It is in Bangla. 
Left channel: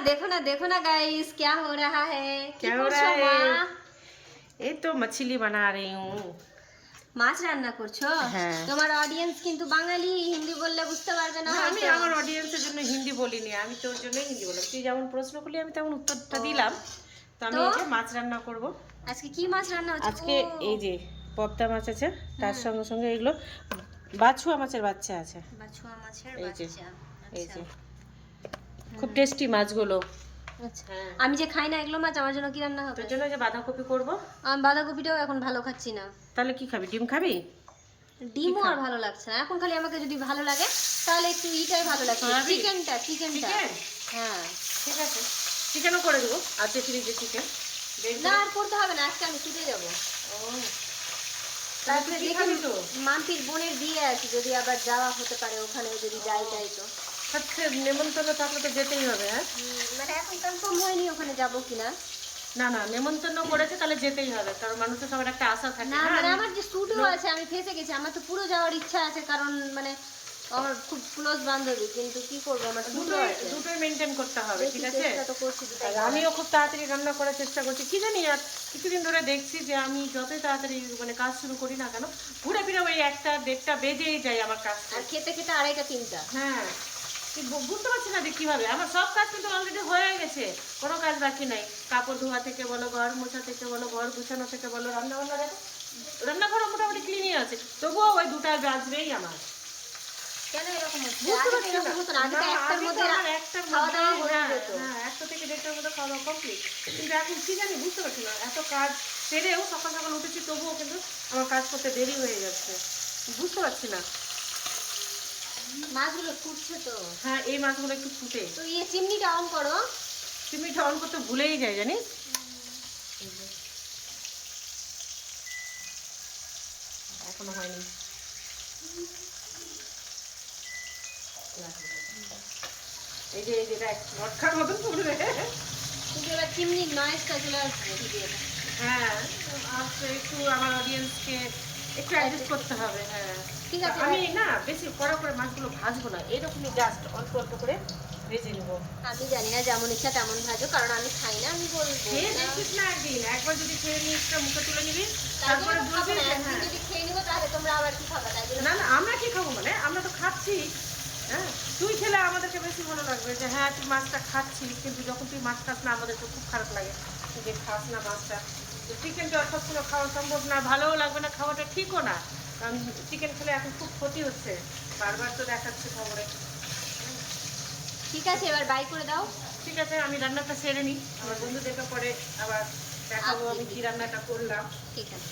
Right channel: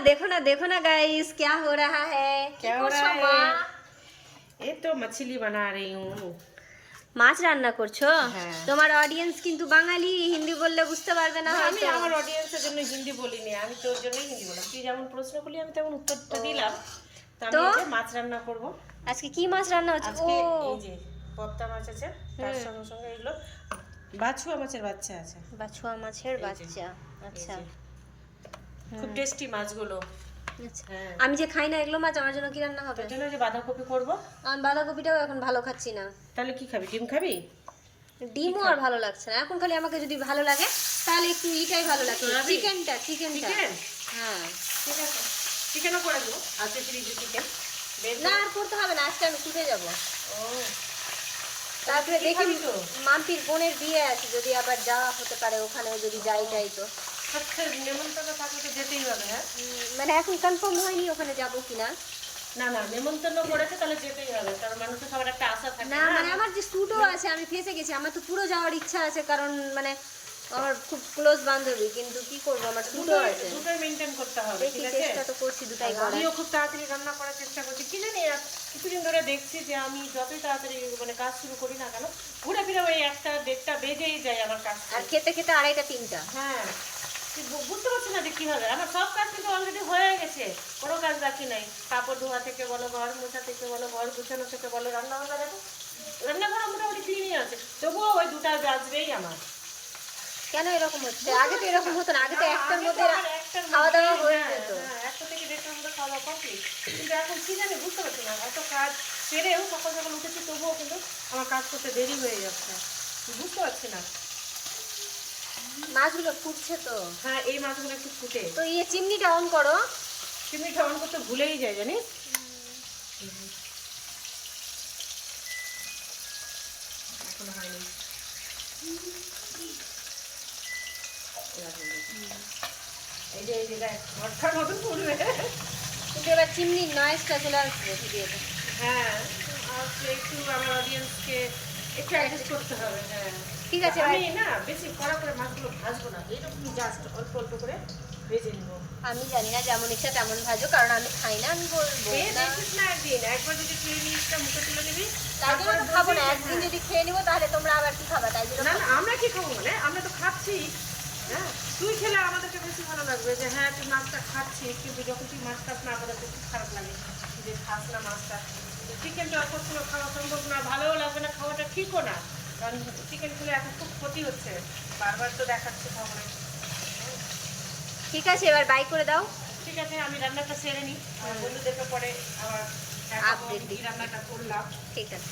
देखो ना गाइस, क्या हो रहा है? क्या हो रहा है? ये तो मछली बना रही हूँ। মাছ রান্না করছো? হ্যাঁ। তোমার অডিয়েন্স কিন্তু বাঙালি, হিন্দি বললে বুঝতে পারবে না না, আমি হয়তো। আমার অডিয়েন্সের জন্য হিন্দি বলিনি, আমি তোর জন্যই হিন্দি বললাম। তুই যেমন প্রশ্ন করলি আমি তেমন উত্তরটা দিলাম। তো আমি এই যে মাছ রান্না করব আজকে। কি মাছ রান্না হচ্ছে? আজকে এই যে পদ্মা মাছ আছে, তার সঙ্গে সঙ্গে এগুলো বাছুয়া মাছের বাচ্চা আছে। বাছুয়া মাছের বাচ্চা, আচ্ছা। খুব টেস্টি মাছগুলো। আচ্ছা, আমি যে খাই না এগুলো মাছ, আমার জন্য কি রান্না হবে? তোর জন্য যে বাঁধাকপি করব। আমি বাঁধাকপিটাও এখন ভালো খাচ্ছি না। তাহলে কি খাবি? ডিম খাবি? ডিমও আর ভালো লাগছে না এখন। খালি আমাকে যদি ভালো লাগে তাহলে একটু ইটাই ভালো লাগছে, চিকেনটা। হ্যাঁ ঠিক আছে, চিকেনও করে দেবো। আজকে ফ্রিজে চিকেন না, আর করতে হবে না, আজকে আমি ছুটে যাব। ও, তারপরে দেখি মাম্পির বোনের বিয়ে আছে, যদি আবার যাওয়া হতে পারে ওখানেও, যদি যাই তো। আচ্ছা, নেমন্তন্ন থাকলে তো যেতেই হবে। হ্যাঁ, মানে এখন কনফার্ম হয়নি ওখানে যাব কিনা। না না, নেমন্তন্ন করেছে তাহলে যেতেই হবে, কারণ মানুষের সবার একটা আশা থাকে না। মানে আমার যে স্যুটও আছে, আমি ফেসে গেছি। আমার তো পুরো যাওয়ার ইচ্ছা আছে, কারণ মানে আমার খুব ক্লোজ বান্ধবী, কিন্তু কি করব, আমার স্যুটও আছে। দুটোই মেইনটেইন করতে হবে, ঠিক আছে? চেষ্টা তো করছি দুটাই। আমিও খুব তাড়াতাড়ি রান্না করার চেষ্টা করছি। কি জানি আর কিছুদিন ধরে দেখছি যে আমি যতই তাড়াতাড়ি মানে কাজ শুরু করি না কেন, ঘুরে ফিরে ওই 1টা 1:30টা বেজেই যায় আমার কাজ। আর খেতে খেতে 2:30টা 3টা। হ্যাঁ, বুঝতে পারছি না যে কিভাবে। আমার সব কাজ কিন্তু অলরেডি হয়ে গেছে, কোনো কাজ বাকি নাই। কাপড় ধোয়া থেকে বলো, ঘর মোছা থেকে বলো, ঘর গুছানো থেকে বলো, রান্নাবান্না দেখো, রান্নাঘর মোটামুটি ক্লিনই আছে, তবুও ওই 2টা বাজবেই আমার। কেন এরকম হচ্ছে? আগে তো এরকম হতো না, আগে তো 1টার মধ্যে খাওয়া দাওয়া হয়ে যেত। হ্যাঁ, 1টা থেকে 1:30টার মধ্যে খাওয়া দাওয়া কমপ্লিট। কিন্তু এখন কি জানি বুঝতে পারছি না, এত কাজ সেরেও সকাল সকাল উঠেছি, তবুও কিন্তু আমার কাজ করতে দেরি হয়ে যাচ্ছে, বুঝতে পারছি না। মাছগুলো ফুটছে তো। হ্যাঁ, এই মাছগুলো একটু ফুটে। তো চিমনিটা অন করো। চিমনিটা অন করতে ভুলেই যায়, জানিস? এখনো হয়নি। এই যে দেখ, ভটকার মতো পড়বে। কিন্তু এবার চিমনির নয়েজটা চলে আসবে ভিডিওটা। হ্যাঁ, আর একটু আমার অডিয়েন্সকে একটু অ্যাডজাস্ট করতে হবে। হ্যাঁ, ঠিক আছে। আমি না বেশি কড়া করে মাছগুলো ভাজবো না, এরকমই জাস্ট অল্প অল্প করে ভেজে নেব। আমি জানি না, যেমন ইচ্ছা তেমন ভাজো, কারণ আমি খাই না। আমি বলবো দেখিস না, একবার যদি খেয়ে নিস, মুখে তুলে নিবি, তারপরে খাবো না। একদিন যদি খেয়ে নিবো তাহলে তোমরা আবার কি খাবা? তাই জন্য না না, আমরা কি খাবো মানে, আমরা তো খাচ্ছি। হ্যাঁ, তুই খেলে আমাদেরকে বেশি ভালো লাগবে যে হ্যাঁ তুই মাছটা খাচ্ছিস, কিন্তু যখন তুই মাছ খাস না আমাদের তো খুব খারাপ লাগে যে খাস না মাছটা। তো চিকেনটা অর্থাৎ কোনো খাওয়া সম্ভব না, ভালোও লাগবে না, খাওয়াটা ঠিকও না, কারণ চিকেন খেলে এখন খুব ক্ষতি হচ্ছে, বারবার তো দেখাচ্ছে খবরে। ঠিক আছে, এবার বাই করে দাও। ঠিক আছে, আমি রান্নাটা সেরে নিই, আমার বন্ধুদেরকে পরে আবার দেখাবো আমি কি রান্নাটা করলাম। ঠিক আছে।